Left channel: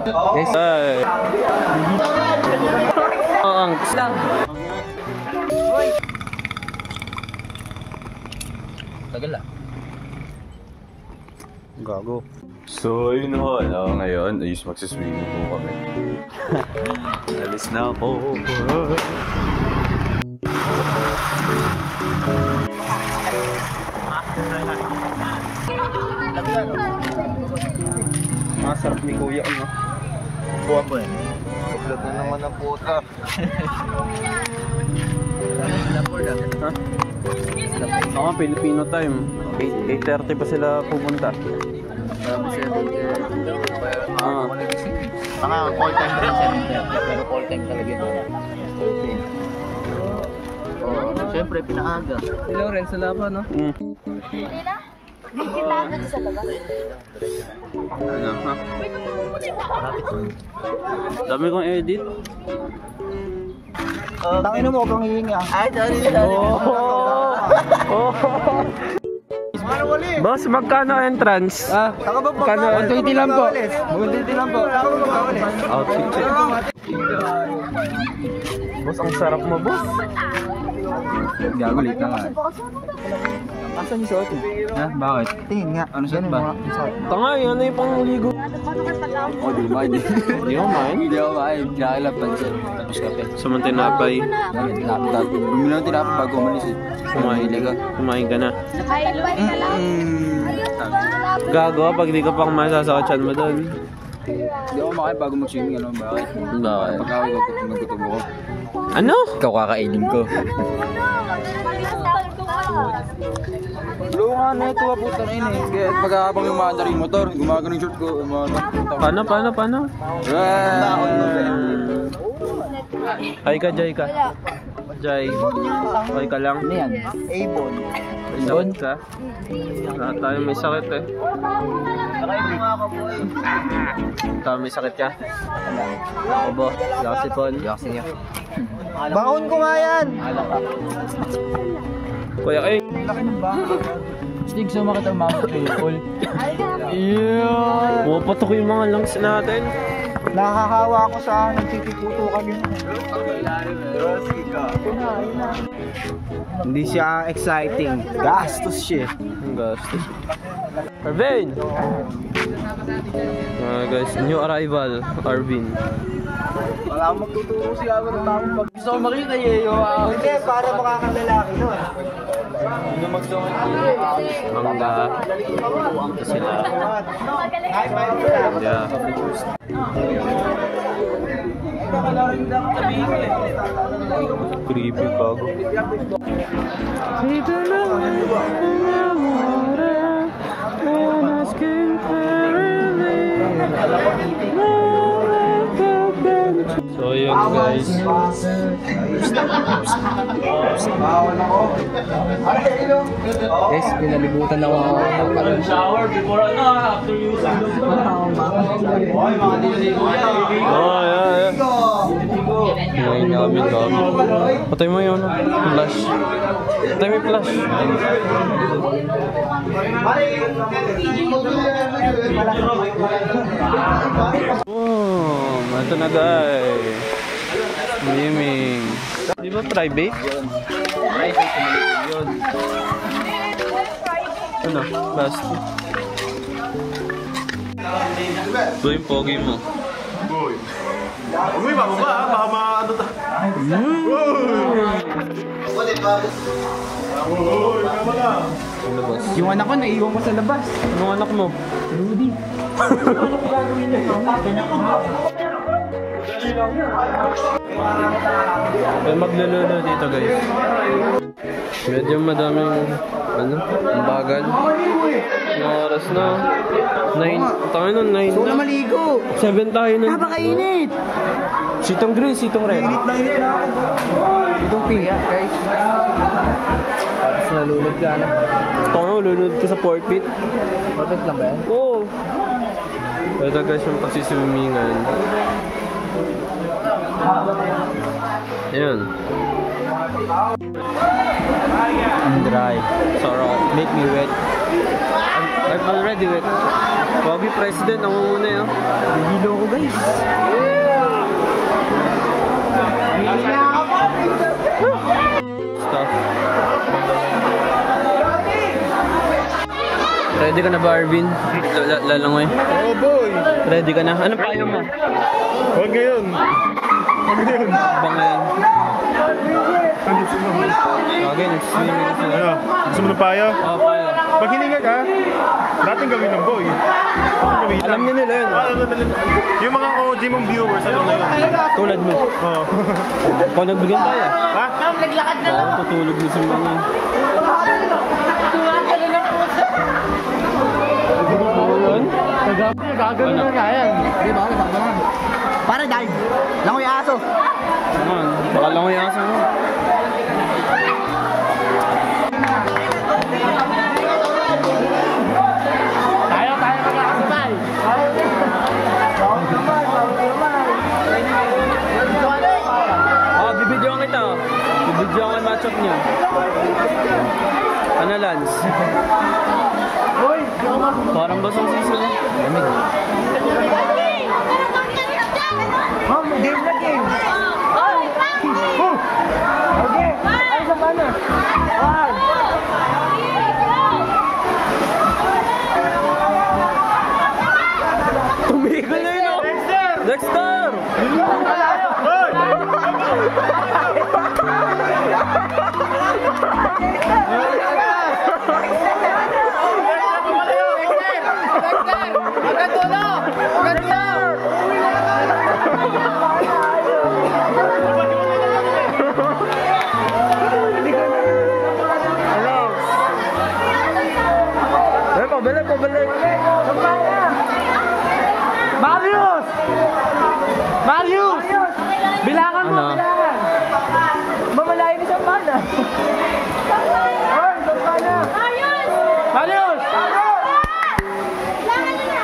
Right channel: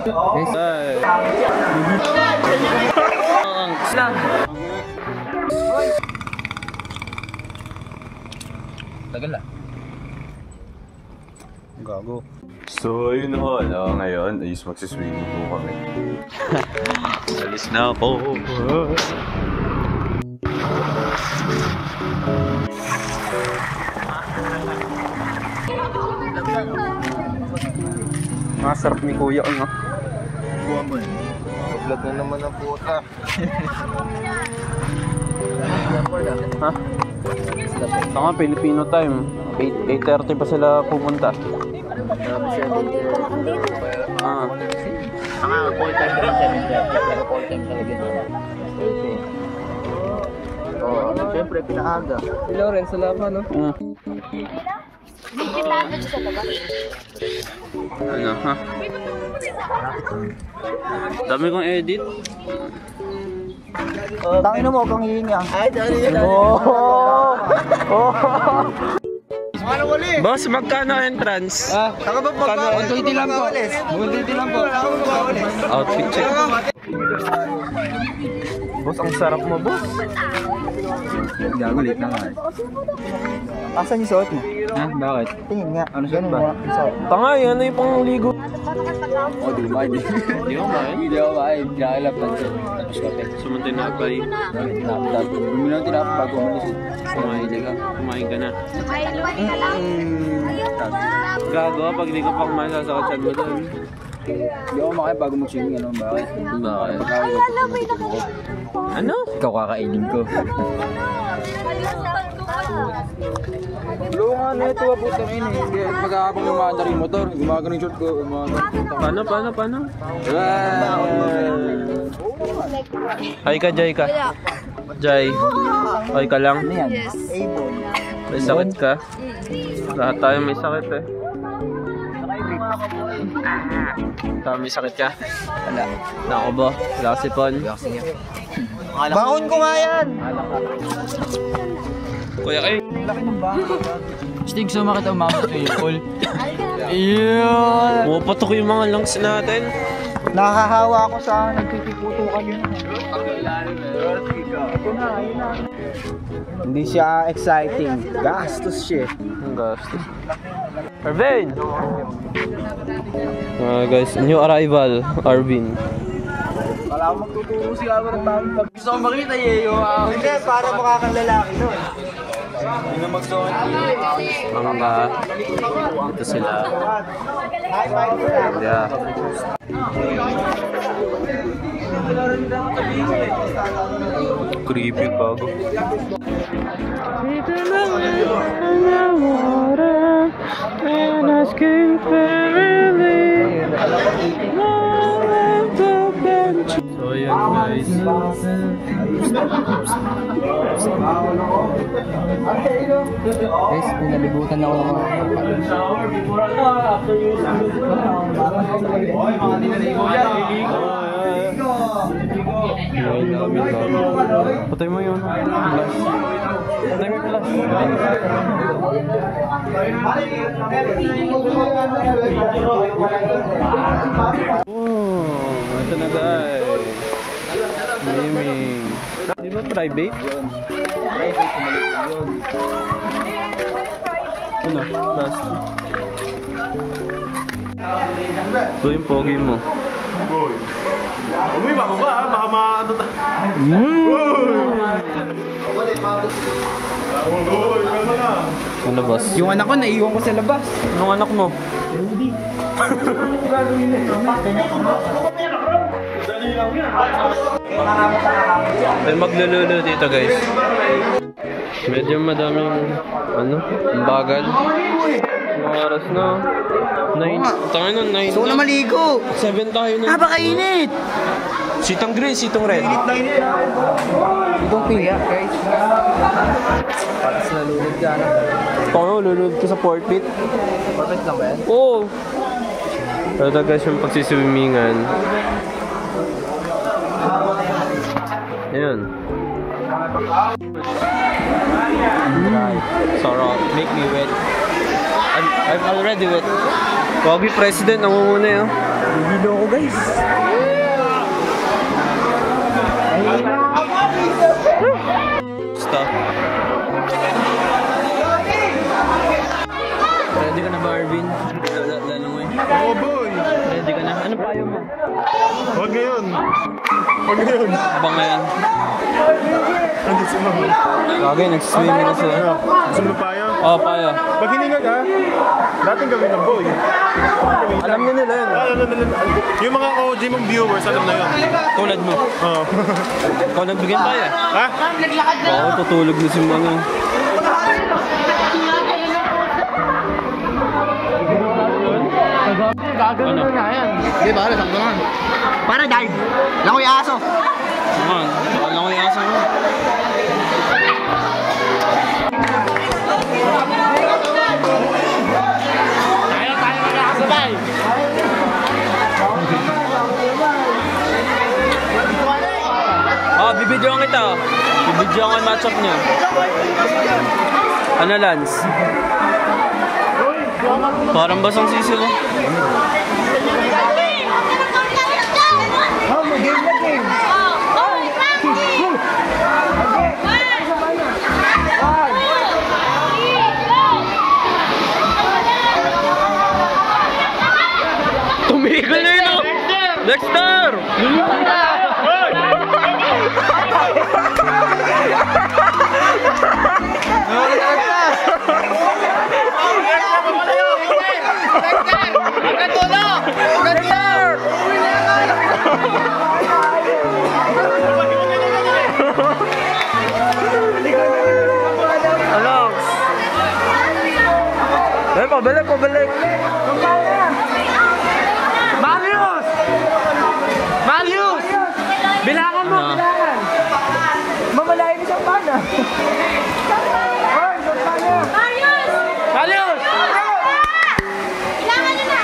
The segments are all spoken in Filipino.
Guys. Ang lang. Tagal ah. Gago. So, ayun ho, ngayon, ayos magsiswimming po kami. Alis na ako. Masarap ni Kuya, ano? Vlog na naman ang puta. Ha? Tama, Filipino time. 8:30 pa sila pupunta. Ah. Tama, full time rin 7:30, pero full time talaga yun. Oo, siyempre pinaaga. Si Lawrence, wala pa, no? Ano, ha? Dami kong edit. Tangin mo, kang hihinga. Ay, dali. Boss, magkano entrance? Saka ba magkano? 120 lang po. 120 lang po. Saka ba magkano? Outfit check. Boss, ang sarap mo, boss. Gago, late na nga eh. Asan yung suot mo? Ha? Bakit? Tingin nga. Ano suot ba? Tanga, yan na yung panguligo. Oh, di ba? Di ko main. Hindi ako kain. Kinakilap lang siya. Tapos kape. Suman tinapay. Bumili ng tinapay bago umalis eh. Kumain ka na. Gago, pag di ka pa kumain, sasakachan mo doon. Hindi ako makain bago mag-swimming. Ano? Bakit? Para pagkawin ko pag natutubo ko. Ano? Ikaw kakainin ko. Luwa nga na ito, abutan na yun eh. Kaya pagkakabang lumaandar yung motor, gumagano yung short ko. Paano? Hi ka, Jai ka. Jai. Hi ka lang. Ano yan? Avon. May sakit ka? Lahat tayo may sakit eh. Tama, may sakit ka? Wala. Ako ba? Gasipon? Baon ko nga yan! Kuya kayo. Stig, sumakit ang mama ko Paul. Pupatok yung mga lungs natin. Nakahawa ako sa nagtitiputo kami. Hindi siya exciting. Gastos siya. Ang gastos. Arvin! Guys, new arrival, Arvin. Wala akong magtuturo siya ako ng tamang pag... Gusto ko makita Yeo. Hindi, para makakang lalaki nun. Hindi na magsuot. Ito sila. Yeah. Creepy bago. So yun guys. Guys, pinalibutan ako ng mga Shower before after using the Ngayon namin kami. Patay mo yun. Flash. Patay mo yung flash. Ito na guys. Swimming. Di ba private? private, kumalik yun. Ano? Basta. Ito yung pogi mo. Boy. Uy, bababa ha. Baka maano ta. Ano boss? Yung anak ko, naiwan ko sa labas. Anong anak mo? Rudy. Ay maglululo dito guys. Medyo madaming ano, ang bagal. Ang oras na 9, tayo nun 9. Gusto ko na maligo. 7 tayo nun. Napakainit. Sitong green, sitong red. Init na ako. Itong pink, guys. Tapos nalulog ka na. Paano, lulunod ka sa 4 feet? Perfect lang ba yan? Oo. Pero guys yung pagsiswimingan. Ayan. Dry. Sarap. Make me wet. I'm already wet. Pogi President, nangunguna yun. Bibilo ko guys. Stop. Ready ka na ba, Arvin? Lalangoy. Oo, boy. Ready ka na? Ano pa yun mo? Huwag ngayon. Huwag ngayon. Ba ngayon? Andit sa mga. Bagay, nagsiswimming na sila. Ano? Gusto mo ng paya? Oo, paya. Pag hininga ka, dating gawin ng boy. Alam niyo nila yun. Yung mga OG mong viewers, alam na yun. Tulad mo. Oo. Ikaw nagbigyan paya. Ha? Baka tutulog na si mga. Gagano na nga yan. Di ba? Sakto naman. Para dive. Langoy aso. Naman, baka lang ko yung asa mo. Ah, bibidyoan kita. Bibidyoan ko yung matchup niya. Ano, Lance? Parang basang sisi mo. Ma'am, game na game. Tumigil na yun, oh! Dexter! Pabalik, pabalik. Marius! Marius! Bilangan mo, Ano? bilangan. Mamalayin isang pana. Hoy, isang pana. Marius! Marius! Bilangan na.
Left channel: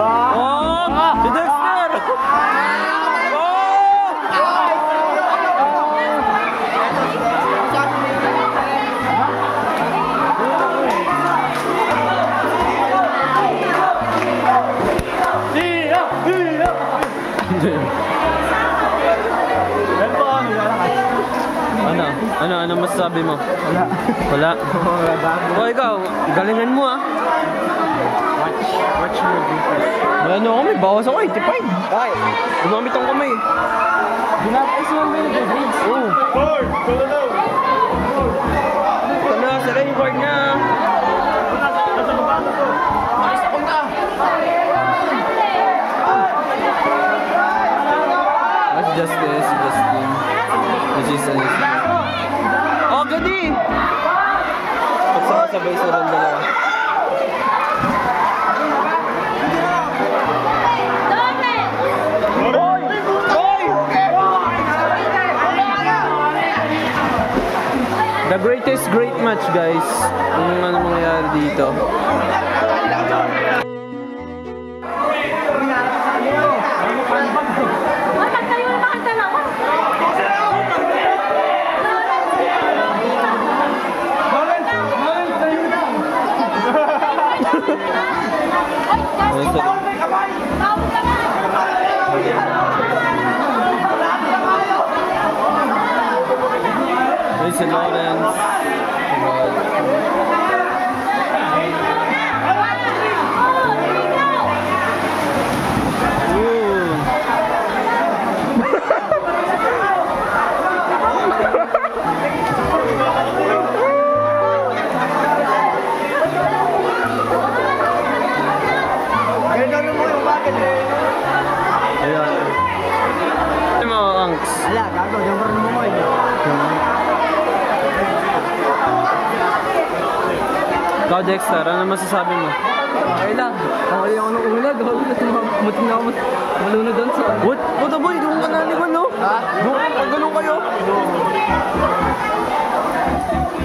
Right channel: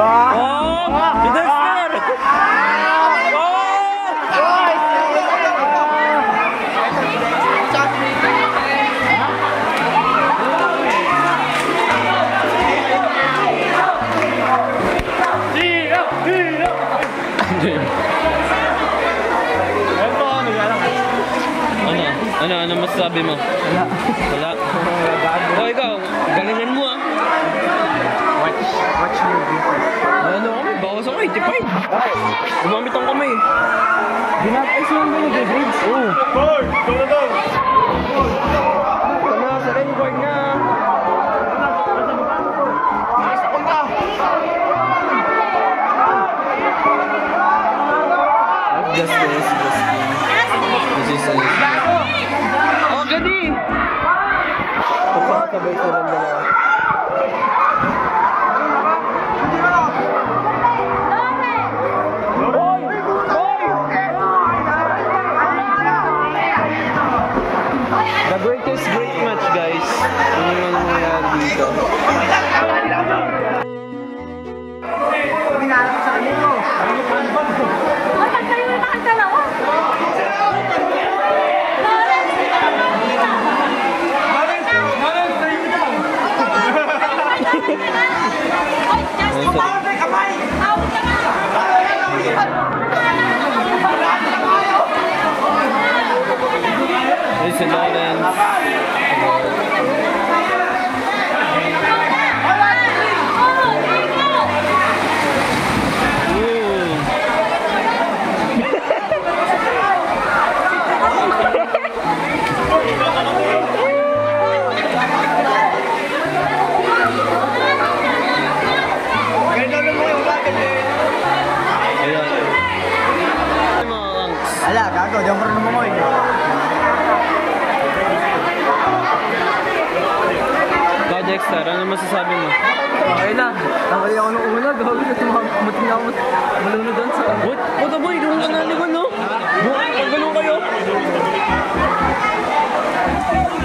Oh! Si Dexter! Oh! Ano masasabi mo? Wala. Wala. O ikaw, galingan mo ah. Watch movie. Ano ako, may bawas ako 85. Gumamit ang kamay. Ginag-ice mo yung grades. Oo. Hoy, go na daw. Ito na, sa record na. That's just this. This is a... Oh, gani! Pagsakasabay silang dalawa. Hoy! Hoy! The greatest great match, guys. Ano naman ang mangyayari dito? There's si Lawrence. Ala, gago, diyan pa rin mo mo. Ikaw, Dexter, ano masasabi mo? Okay lang. Okay ako nung una, gago na tumamutin na ako. Muli na doon sa... What boy? Doon ka nalingon, no? Ha? Doon, pag ganun kayo.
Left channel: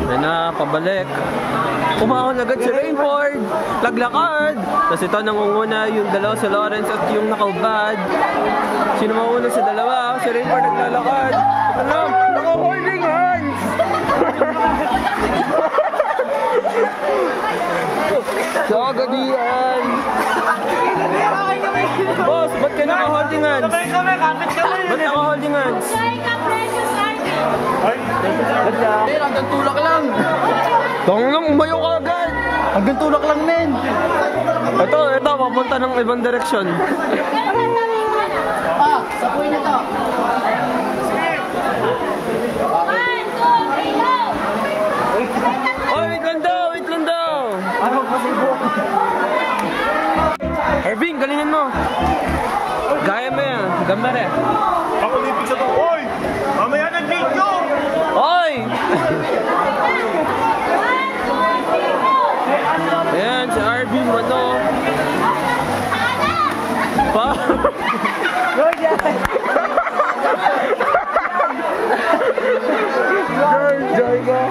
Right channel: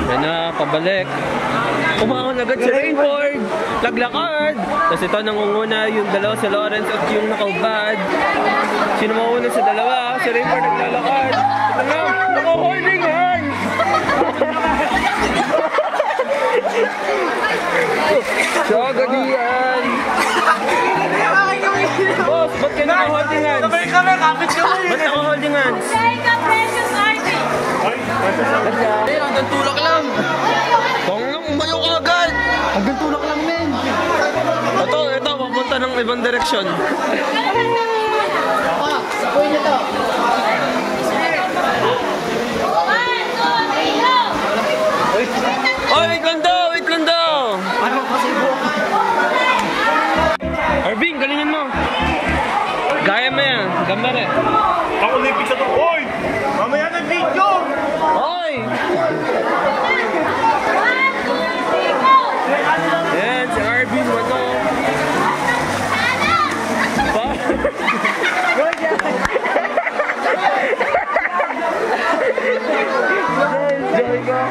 Yan na, pabalik. Umahon agad si Rainford. Laglakad. Tapos ito nangunguna yung dalawa si Lawrence at yung nakaubad. Sino mauna sa dalawa? Si Rainford naglalakad. Ano? Naka-holding hands! So, gadian. Boss, ba't ka naka-holding hands? Ba't naka-holding hands? Hanggang tulak lang. Tangang umayo ka agad! Hanggang tulak lang, men. Ito, papunta ng ibang direksyon. Sapoy niyo to. Oh, wait lang daw! Ano kasi buhok? Arvin, galingan mo! Gaya mo yan, gambare. Ako na yung pizza to. Oy! Mamaya ng video! Hoy! Ayan, si Arvin, ano? Pa? Joy ka!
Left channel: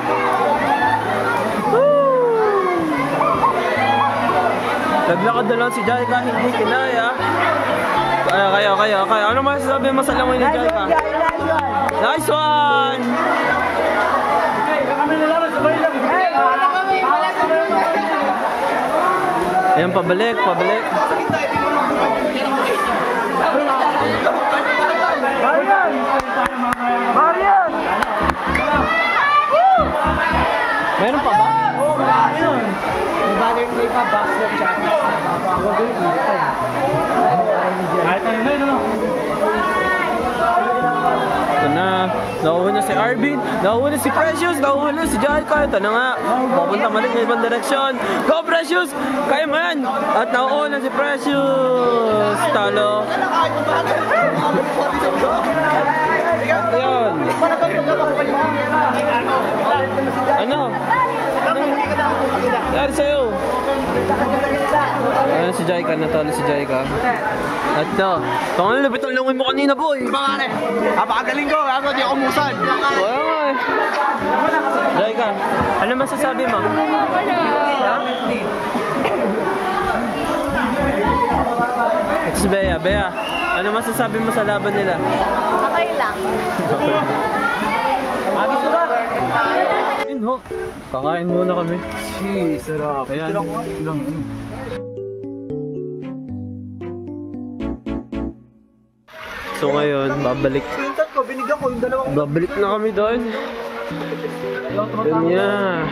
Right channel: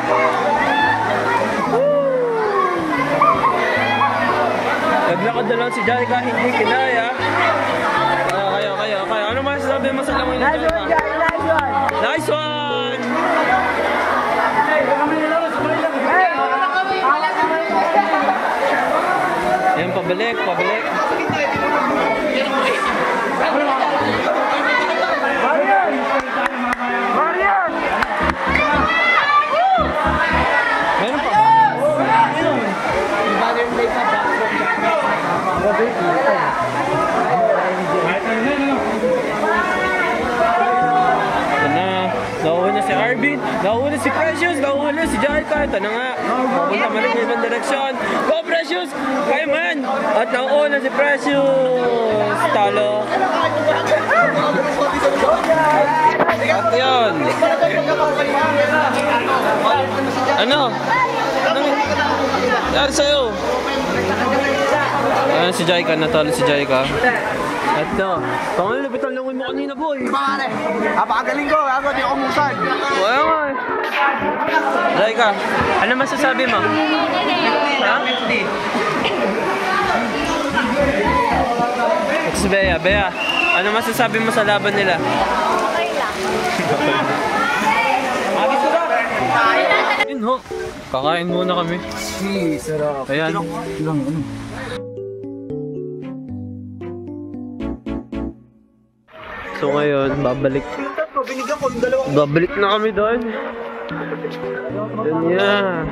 Naglakad na lang si Jaika, hindi kinaya. Kaya. Ano masasabi mo sa langoy ni Jaika? Nice one! Ayan, pabalik. Meron pa ba? Oo, marami yun. May pa-box mo dyan. Ito na. Nauuna si Arvin. Nauuna si Precious. Nauuna si Jaika. Ito na nga. Papunta malik ng ibang direksyon. Go Precious! Kaya man! At nauuna si Precious. Talo. At yun. Ano? Anong nangyari sa'yo? Ayan si Jaika, natalo si Jaika. At ito, pangalan lupit ang lungoy mo kanina, boy. Pare, napakagaling ko. Ako di ako musan. Kaya nga eh. Jaika, ano masasabi mo? Ha? It's Bea. Bea, ano masasabi mo sa laban nila? Okay lang. Yun ho. Kakain muna kami. Sarap. Ayan. So ngayon, babalik Binigyan ko yung dalawang. Babalik na kami doon. Yun yan.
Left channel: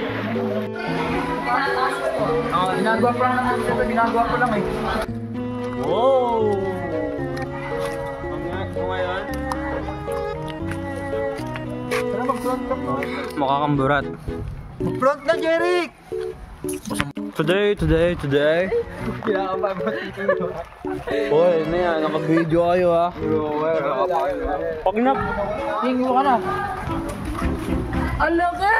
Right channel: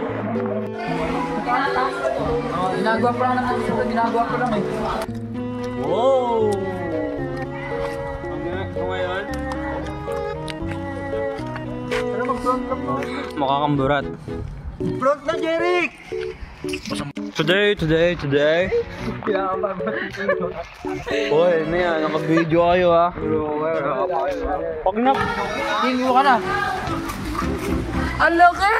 Ginagawa pa lang naman ito. Ginagawa ko lang eh. Wow! So ngayon, makakamburat. Front na, Jeric! Today. Hoy, ano yan? Naka-video kayo ha. Pag na... Hingi mo ka na. Ang laki!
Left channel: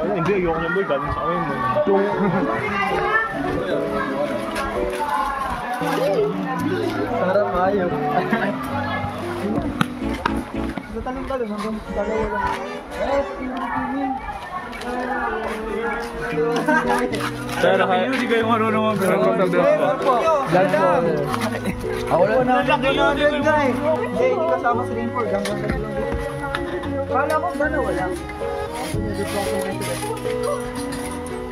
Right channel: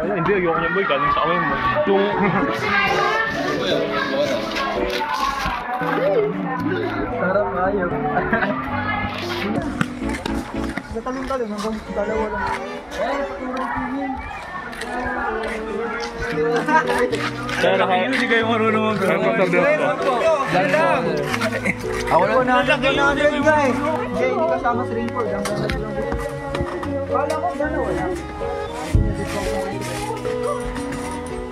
Hindi, ayoko niya boy. Galing sa kamay mo. Sarap ayos. Natalong-talong hanggang dalawa lang. Pero ha... Hindi kayo marunong mag-sabi ako. Ako lang na niya eh. Hindi kasama si Rainford. Kala ko dalawa lang.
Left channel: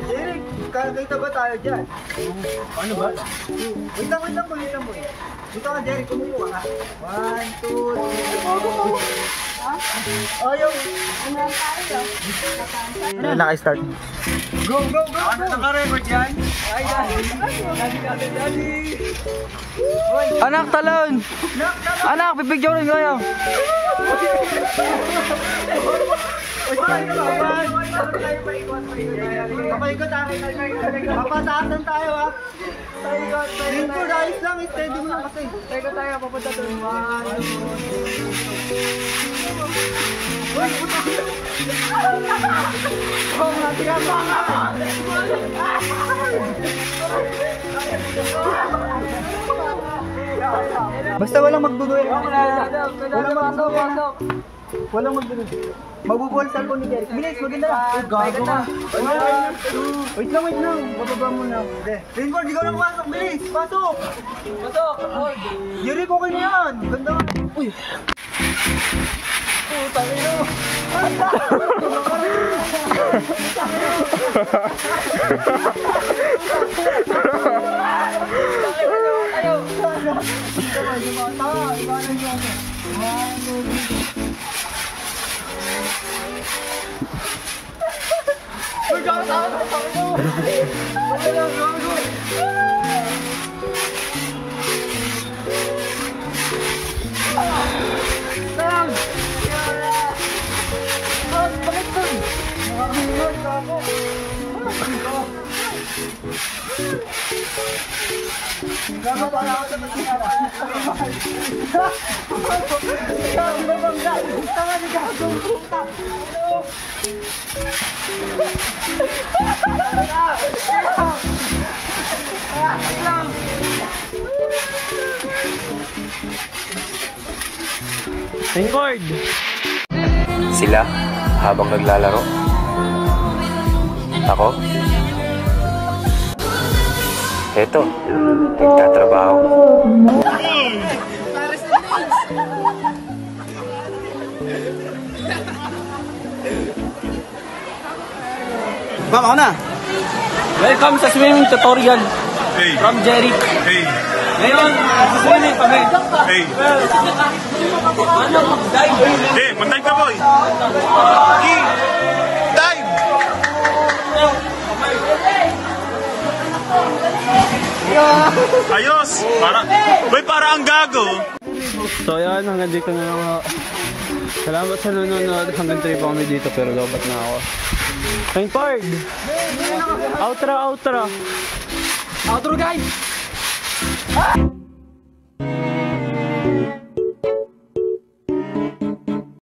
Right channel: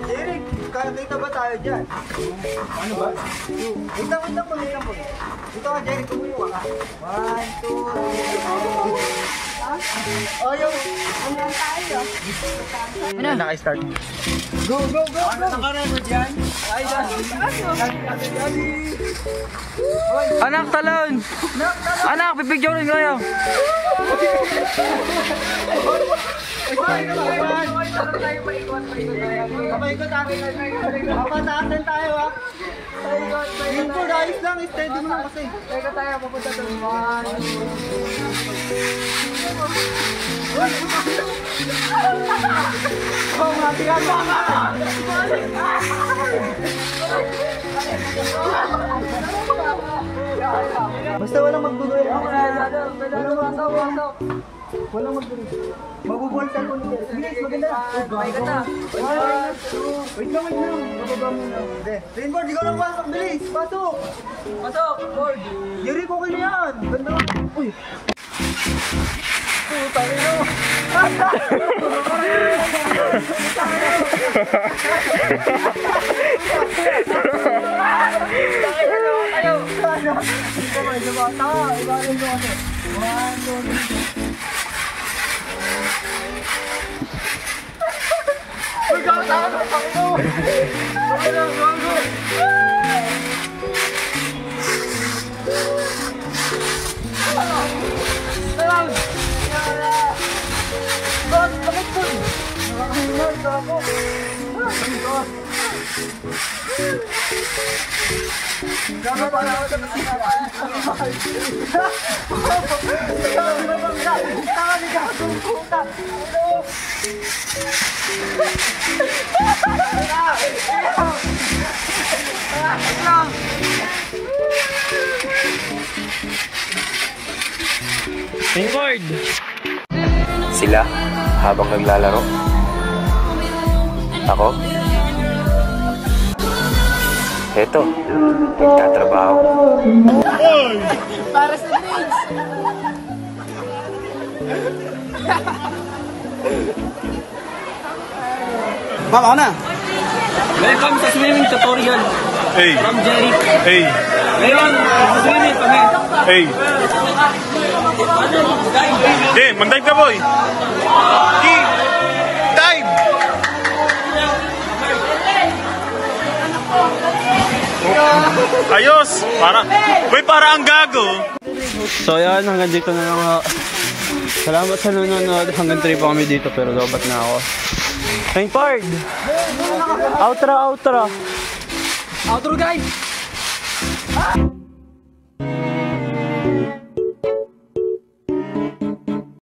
Eric, kita ba tayo dyan? Ano ba? Wait lang po. Dito ka, Jeric, kumuha ka. 1, 2, 3, Oh, yung... Ano lang tayo? Naka-start. Go! Ano naka-record yan? Ay, Daddy! Anak, talon! Anak, pipigyan rin kayo! Papaikot akin. Papataasan tayo ha. Rainford, ayos lang. Steady mo lang kasi. Teka tayo, papunta doon. 1, 2. Oh, matigas ka! Basta walang magduduel. Walang magduduel. Mabubulsan ko ni Derek. Bilis, maganda. Maganda. 1, 2. Wait lang. Bababa mo na. Rainbow, di ko lang pasok. Bilis, pasok. Jerry, okay na yan. Ganda. Uy. Tayo na. Rainford! Sila habang naglalaro. Ako? Eto, nagtatrabaho. Ma'am, ako na. Welcome sa swimming tutorial Hey. from Jerry. Hey. Ngayon, swimming pa niya. Hey. Okay, mag-dive ka, boy. Dive! Ayos! Para ang gago. So yan, hanggang dito na lang ako. Salamat sa nanonood. Hanggang 3 pa kami dito pero dapat na ako. Rainford! Outro! Outro, guys.